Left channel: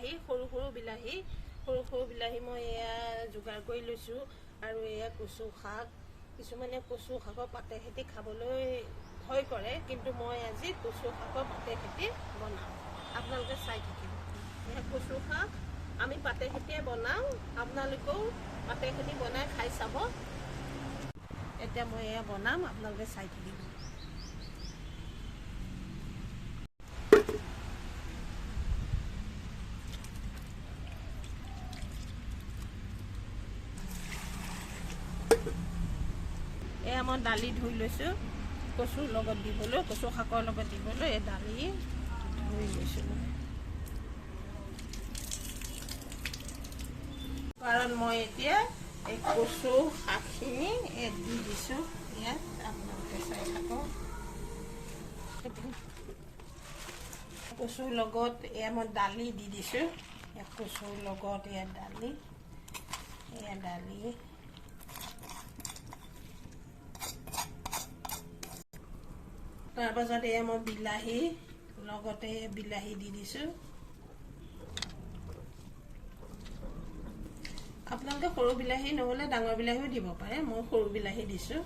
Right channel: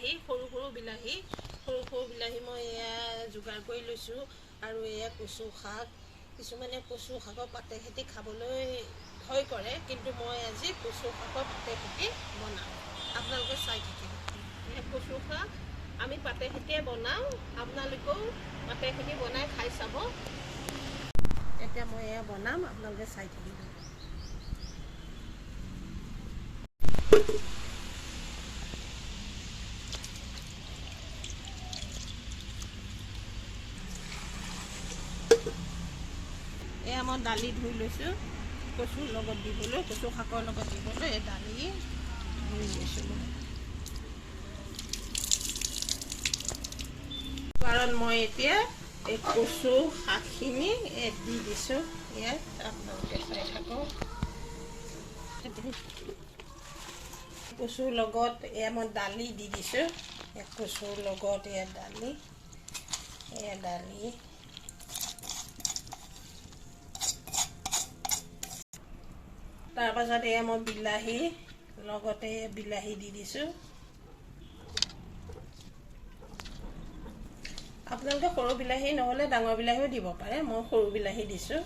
বিলাহী সৰু সৰু বিলাহী মই এয়া যোগাৰ কৰি লৈছোঁ। আৰু এয়া কচু শাক, কিছুমানে কচু শাকৰ পাতে খেতি খাবলৈ ভয় কৰে, কিন্তু মই আজি কচু শাকৰ পাতে খেতি বনাওঁ, আপোনালোকে চাই থাকিব। এয়া কচু শাক আমি পাতে খেতিয়ে বনাওঁ, আপোনালোকেও পাতে খেতি বনাই খাই চাব। এতিয়া মই এয়া বনাম, আপোনালোকে চাই থাকিব। এয়া মই দালি ধুই লৈছোঁ, কচুৰ লগত দিবলৈ, কচু শাকৰ লগত দিবলৈ এই দালি ধুই লৈছোঁ। কাৰণ মই এতিয়া এই কচু শাকখিনি দি দিছোঁ ইয়াত, আপোনালোকে চাই থাকক। কচুৰ লগত এয়া মই দালি দি দিছোঁ, কচুৰ লগত এয়া দালি তাৰপাছত এয়া মই বিলাহী লগতে বিলাহী দি দিছোঁ। আপোনালোকে সৰু বিলাহী নহ'লে ডাঙৰ বিলাহীও দিব পাৰে, মই সৰু বিলাহী দিছোঁ।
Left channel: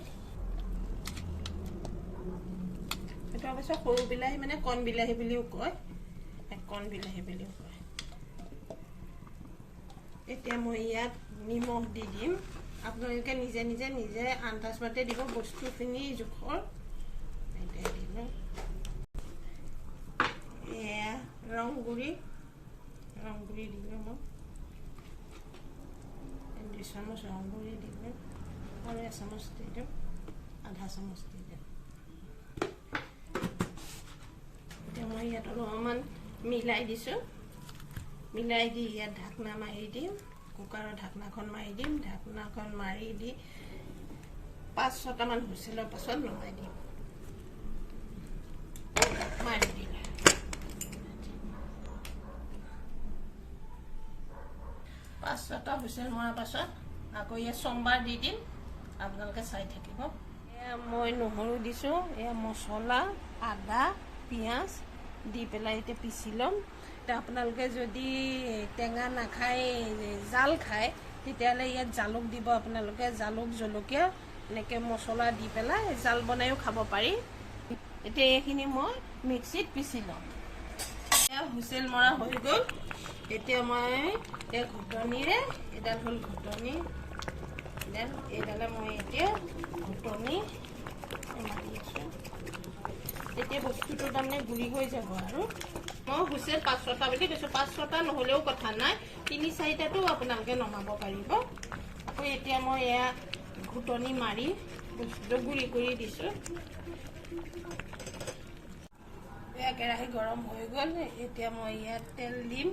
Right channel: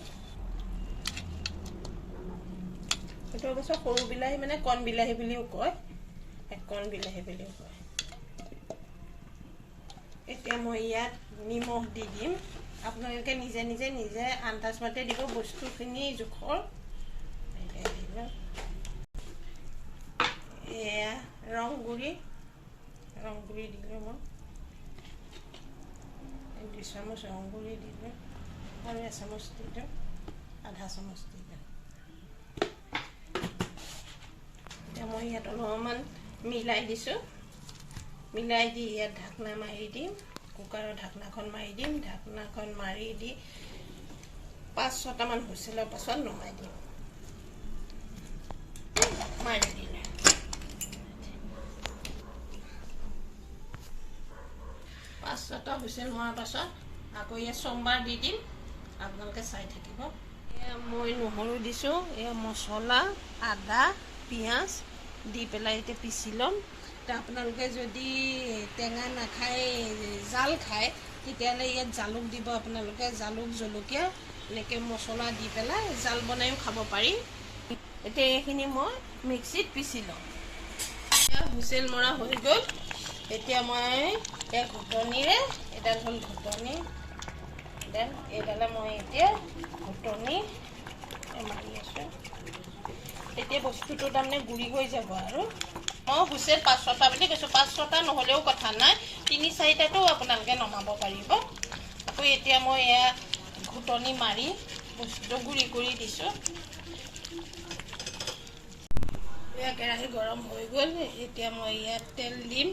সেইটো অৱশ্যে সৰু বিলাহী মানে কণ বিলাহী বুলিও কয়, কণ বিলাহী বুলিও কয়। এতিয়া মই ইয়াত নিমখ দি দিম, আপোনালোকে নিজে আন্দাজ মতে দিব, বস্তুখিনি জোখৰ। এয়া ৰং গুড়ি দিলোঁ মই 2 চামুচ ৰং গুড়ি দিলোঁ, আৰু 1 চামুচ দিলোঁ, আধা চামুচ দিলোঁ। এতিয়া মই ইয়াত অলপমান মিলাই দিছোঁ, মিলাই দি ইয়াত ঢাকনা মাৰি দিম, কুকাৰৰ ঢাকনাখন মাৰি দিম। ঢাকনাখন মাৰি দি 5-6টামান হুইছেলৰ পাছত নমাই দিম। মাৰি দিলে 5-6টা হুইছেল মৰাৰ পাছত আকৌ ইয়াত সোমবাৰ দি দিম, আপোনালোকে চাই থাকিব। এয়া মই নহৰু দিছোঁ, এয়া মছলা, আদা, পিঁয়াজ দি পেলাই এতিয়া পিচি ল'ম। এতিয়া আপোনালোকে যদি টেঙা নাখায়, জাল খায়, তেতিয়াহ'লে ইয়াত জালুক দিব। আপোনালোকে জালুক, জলকীয়া এনেকৈ মছলা দি পেলাই জাল বনাইও খাব পাৰি। এতিয়া এইখিনি মই মিক্সিত পিচি ল'ম। এতিয়া হুইছেল মৰা হৈ গ'ল। এতিয়া মই এই ঘুটনিৰে, এডাল হ'ল ঘুটনি, এইডালে মই এতিয়া ঘুটনি মাৰি আছোঁ। এতিয়া বস্তুটো তাৰমানে গুড়ি হৈ যাব। আৰু মই হুইছেল 5-6টা বুলি কৈছোঁ, 5-6টা নহ'লেও কথা নাই, 3-4টাতো আপোনালোকে নমাব পাৰিব। আকৌ এতিয়া মই এয়া ঘুটনি মাৰি বস্তুটো গুড়ি কৰি দিছোঁ। এয়া কেৰাহী গৰম হৈ গ'ল, এতিয়া মই ইয়াত তেল দিম।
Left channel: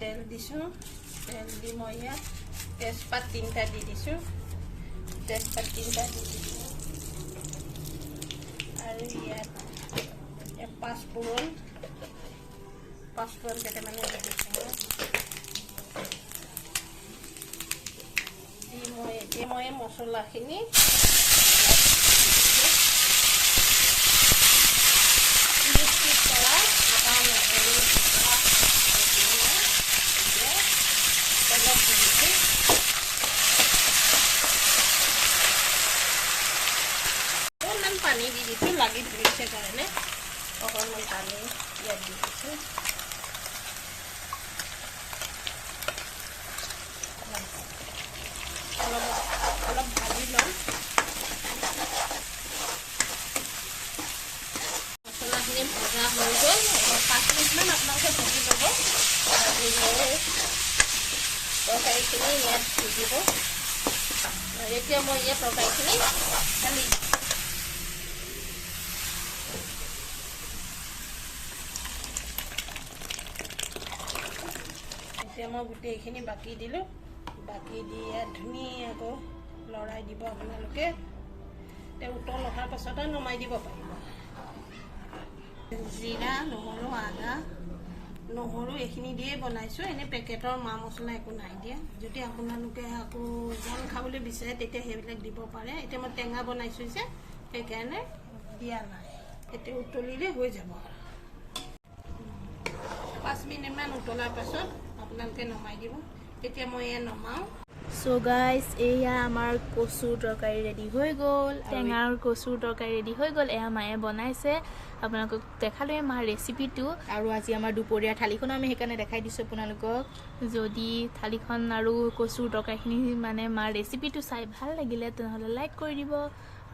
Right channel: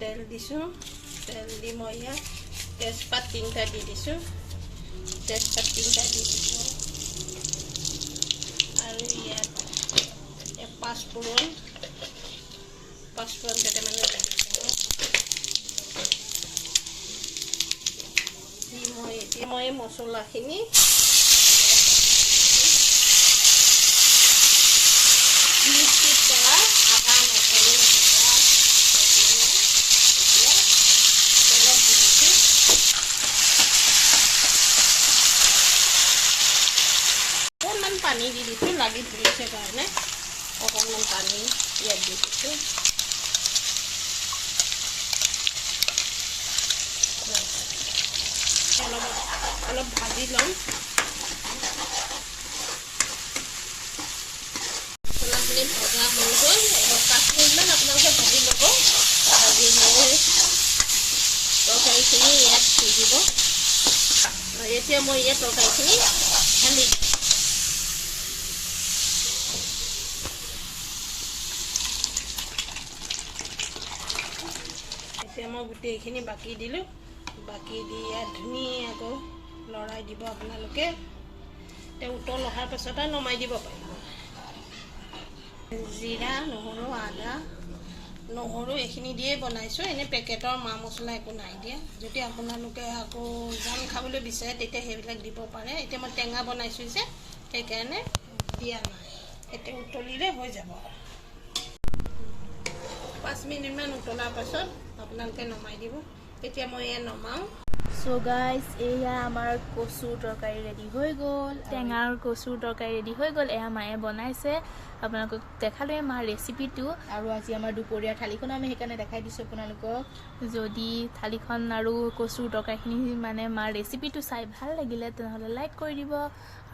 তেল দিছোঁ, তেল দি মই ইয়াত তেজপাত 3টা দি দিছোঁ, আৰু ইয়াত পাঁচফোৰণ কেইটামানো দি দিছোঁ। মই মছলাখিনি মিক্সিত কৰা আদা, নহৰু, অকণমান পানী দি দিছোঁ, লাগি ধৰিছে কাৰণে অকণমান পানী ইয়াত দি দিছোঁ। অলপ ভাজি ল'ম। মছলাখিনি ভজা হৈ গ'ল, 5 মিনিটমান আপোনালোকে ভাজি ল'ব। ভাজি লৈ তৰকাৰীখিনি ইয়াত দি দিব। এতিয়া মই এই তৰকাৰীখিনি ঢালি দিম। এতিয়া মই গোটেইখিনি বাকি দিলোঁ, বাকি দি ইয়াত ধুনীয়াকৈ লৰাই দিব আপোনালোকে। এতিয়া উতল অহাৰ পাছতে নমাই দিব পাৰিব। জিৰা, নহৰু, আদা, নহৰু এইখিনি দিয়ে বনাইছোঁ, এনেই পেকেটৰ মা মছলা একো নাই দিয়া। যদি আপোনালোকে আকৌ জাল খাবলৈ বিচাৰে তেতিয়া সেইবিলাক দিব পাৰে। এতিয়া মই টেঙা বনাইছোঁ যে, সেইকাৰণে দিয়া নাই। এতিয়া উতলিলে হৈ যাব। 5 মিনিটমান উতলাৰ পাছত আপোনালোকে নমাই দিব। এতিয়া মই এয়া নমাওঁ। সো গাইজ এয়া আমাৰ কচুৰ তৰকাৰী ৰেডি হৈ গ'ল। টেঙাৰ কচুৰ তৰকাৰী ৰেডি হৈ গ'ল। এয়া মায়ে বনাইছে, আপোনালোকক দেখালোৱে মাৰ ৰেচিপিটো। আৰু আজি আমাৰ দুপৰীয়া থালিখন আমি সেইকাৰণে দেখাই দিছোঁ আপোনালোকক। যদি থালিখন আৰু কচুৰ তৰকাৰীখিনি মানে মাৰ ৰেচিপিটো চাই ভাল লাগিলে তেনেহ'লে লাইক কৰি দিব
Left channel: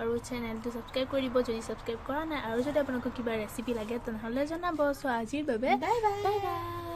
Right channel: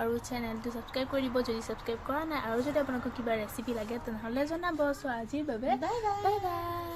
আৰু চেনেলটো ছাবস্ক্ৰাইব কৰি দিব যদি ছাবস্ক্ৰাইব কৰা নাই। আৰু যদি আপোনালোকক কিবা ৰেচিপি লাগে তেনেহ'লে জনাব। চ' আজিৰ বাবে বাই বাই।